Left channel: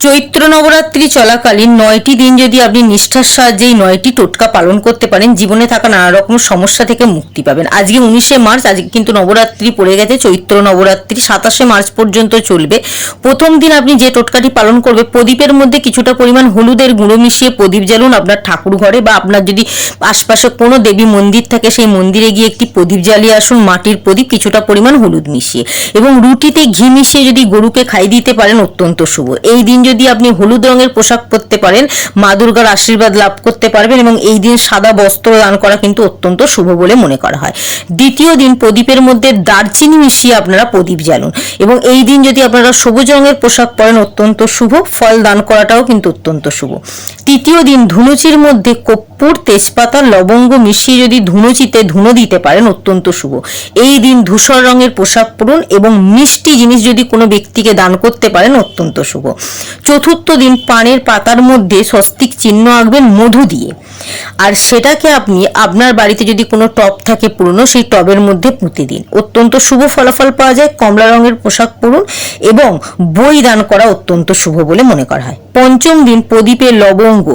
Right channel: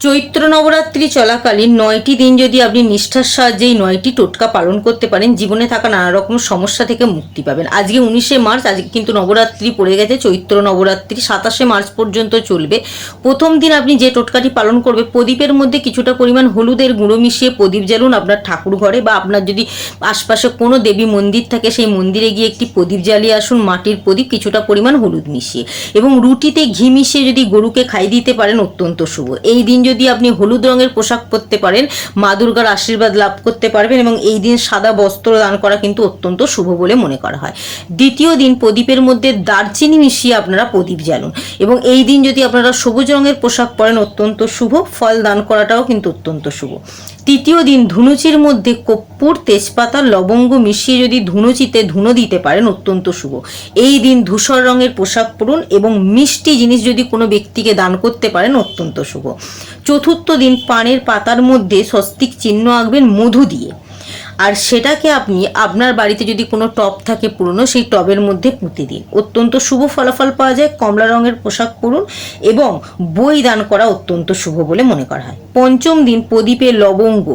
চৈত্র নবরাত্রি চলাকালীন 9টি দিন যদি আপনি নিষ্ঠার সাহায্যে এই 9টি টোটকা পালন করতে পারেন, জীবনে থাকা নানা রকম সমস্যা থেকে মুক্তি পাবেন। আজকে 19শে মার্চ, আজকে কিন্তু নবরাত্রি পড়ে গেছে। চৈত্র নবরাত্রি 27শে মার্চ পর্যন্ত চলবে। প্রথম দিন আপনি যে টোটকাটি পালন করবে, প্রদীপের মধ্যে কিছুটা পরিমাণ হলুদের গুঁড়ো মিশিয়ে প্রদীপ জ্বালুন আপনার ঠাকুর ঘরে, বা আপনার যদি আশপাশে কোনো দেবী মন্দির থাকে সেই মন্দিরে গিয়ে একটি প্রদীপ জ্বালিয়ে আসুন, মাটির প্রদীপ, কিছুটা পরিমাণ হলুদ মিশিয়ে, এবং রুটিতে ঘি মিশিয়ে যদি গরুকে খাই দিতে পারেন অত্যন্ত শুভ। এই দিন যদি আপনি হলুদ রঙের পোশাক পরতে পারেন, মা দুর্গার আশীর্বাদ লাভ করতে পারবেন, এবং এই দিন সাদা বস্ত্র দান করা কিন্তু অত্যন্ত শুভ বলে মনে করা হয়। দ্বিতীয় দিন প্রদীপের মধ্যে দারচিনি মিশিয়ে আপনারা প্রদীপ জ্বালুন, এবং এই দিন যদি আপনারা সবুজ রঙের পোশাক পরেন অত্যন্ত শুভ। ফল দান করাটাও কিন্তু অত্যন্ত শুভ। তৃতীয় দিন ধুনুচির মধ্যে কর্পূর, তেজপাতা, লবঙ্গ মিশিয়ে যদি ধুনুচিতে ধুনো দিতে পারেন অত্যন্ত শুভ। এই দিন ধূসর রঙের পোশাক পরুন, এবং মিষ্টি জিনিস যদি কোনো ব্যক্তিকে দান করতে পারেন অত্যন্ত শুভ। চতুর্থ দিন পানের পাতার মধ্যে স্বস্তিক চিহ্ন আঁকবেন মধু দিয়ে, আর সেটাকে আপনি আপনার বাড়িতে যদি কোনো টব থাকে পুরনো, সেই টবের মধ্যে পুঁতে দিন, অত্যন্ত শুভ ফলাফল পাওয়া যায়। কমলা রঙের পোশাক পরুন, এবং বই দান করা অত্যন্ত শুভ বলে মনে করা হয়। পঞ্চম দিন প্রদীপে লবঙ্গ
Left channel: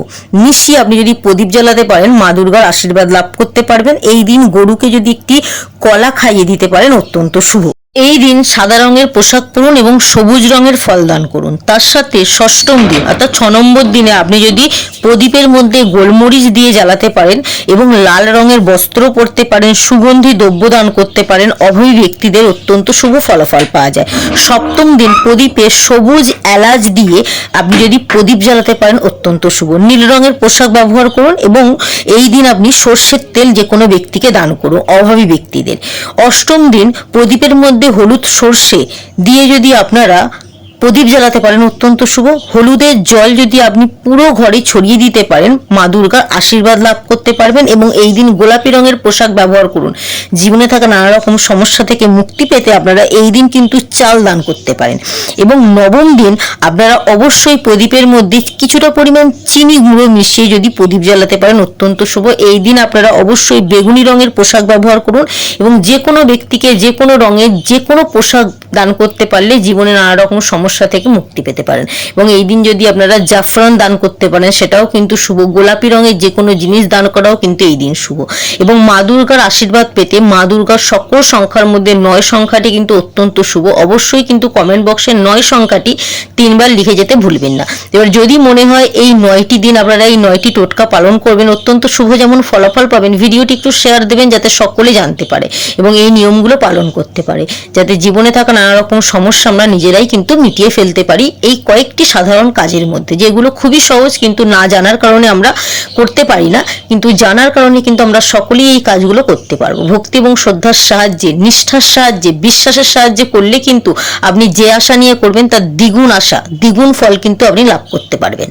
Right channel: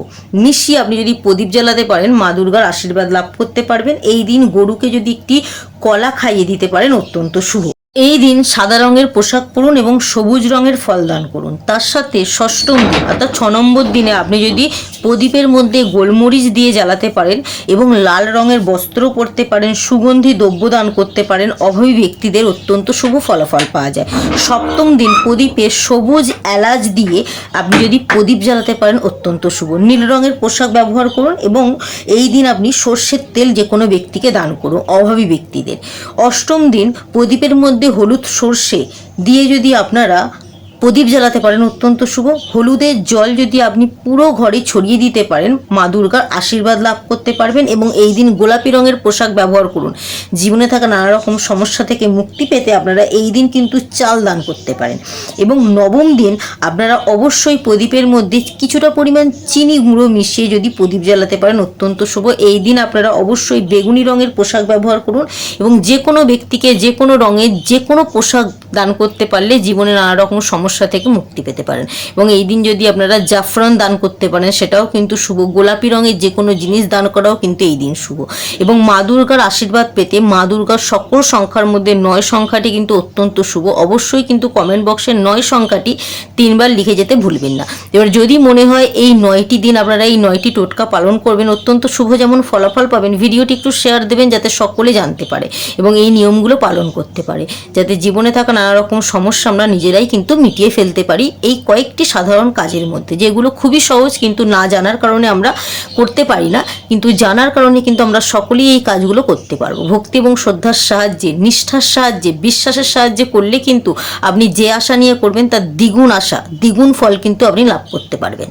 মিশিয়ে আপনি যদি প্রদীপ জ্বালাতে পারেন, মা দুর্গার আশীর্বাদ লাভ করতে পারবেন। এই দিন গরুকে যদি একটি কলা খাইয়ে দিতে পারেন অত্যন্ত শুভ। এই দিন সাদা রঙের পোশাক পরুন এবং সবুজ রঙের ফল দান করুন। তার সাথে ষষ্ঠম দিন অর্থাৎ 6 নম্বর দিনে আপনি যদি প্রদীপের মধ্যে গোলমরিচ দিয়ে জ্বালাতে পারেন এবং লাল রঙের বস্ত্র পরতে পারেন, সুগন্ধি দ্রব্য দান করতে পারেন, অভাবী ব্যক্তিদের অত্যন্ত শুভ ফলাফল পাওয়া যায়। সপ্তম দিন প্রদীপে সবুজ এলাচ দিয়ে আপনি যদি প্রদীপ জ্বালাতে পারেন অত্যন্ত শুভ। নীল রঙের পোশাক ব্যবহার করুন, এবং এই দিন আপনি সর্ষের তেল যে কোনো ব্যক্তিকে দান করুন, অভাবী ব্যক্তিদের। অষ্টম দিন প্রদীপের মধ্যে হলুদ সর্ষে দিয়ে যদি আপনারা প্রদীপ জ্বালাতে পারেন অত্যন্ত শুভ। হলুদের জল যদি আপনি পুরো ঘরে ছড়িয়ে দিতে পারেন, মা দুর্গার আশীর্বাদ লাভ করতে পারবেন। এবং এই দিন গোলাপি রঙের পোশাক ব্যবহার করুন। জীবনে থাকা নানা রকম সমস্যা থেকে মুক্তি পেতে আপনারা এই দিন কিন্তু চাল দান করতে পারেন। এবং নবম দিন আপনারা অবশ্যই প্রদীপের মধ্যে কিছুটা পরিমাণ চিনি গুঁড়ো মিশিয়ে যদি প্রদীপ জ্বালাতে পারেন অত্যন্ত শুভ। এই দিন আপনারা অবশ্যই বেগুনি রঙের পোশাক ব্যবহার করুন, এবং যে কোনো ব্যক্তিকে যে কোনো রঙের যে কোনো পোশাক দান করতে পারলে জীবনে নানা রকম সমস্যা থেকে মুক্তি পেতে পারেন। এবং এই দিন যদি আপনারা জাফরান দান করতে পারেন সেটাও কিন্তু শুভ। গোলাপি রঙের যে কোনো জিনিস দান করাও কিন্তু এই দিন শুভ। এবং মা দুর্গার আশীর্বাদ পেতে মা দুর্গার সকল সংখ্যার মধ্যে 9 সংখ্যাটি কিন্তু অত্যন্ত শুভ। অবশ্যই কিন্তু কমেন্ট বক্সে 9 সংখ্যাটি 3 বার লিখে যেতে ভুলবেন না। এবার যদি মনে হয় এই 9টি দিন আপনারা এই 9টি টোটকা পালন করবেন, অত্যন্ত শুভ যেমন ফলাফল পাবেন, ভিডিওটি একটু শেয়ার দেবেন যাতে সকলে জানতে পারে এবং এই নিয়মগুলো পালন করতে পারে, যাতে জীবনে থাকা নানা রকম সমস্যা আমরা নিজেরাই কিন্তু মিটিয়ে ফেলতে পারি এই কয়েকটি সাধারণ কাজের মধ্যে, যেগুলো খুবই সহজ কিন্তু না জানার কারণে আমরা করতে পারি না, কিন্তু জানার কারণে কিন্তু আমরা সকলেই এই কাজগুলো করতে পারবো। ভক্তি এবং শ্রদ্ধার সাহায্যে, নিষ্ঠার সাহায্যে, বিশ্বাসের সাহায্যে করলে কিন্তু আপনি যে আশা নিয়ে করবেন তার দ্বিগুণ আশা, দ্বিগুণ ফল কিন্তু আপনি লাভ করতে পারবেন।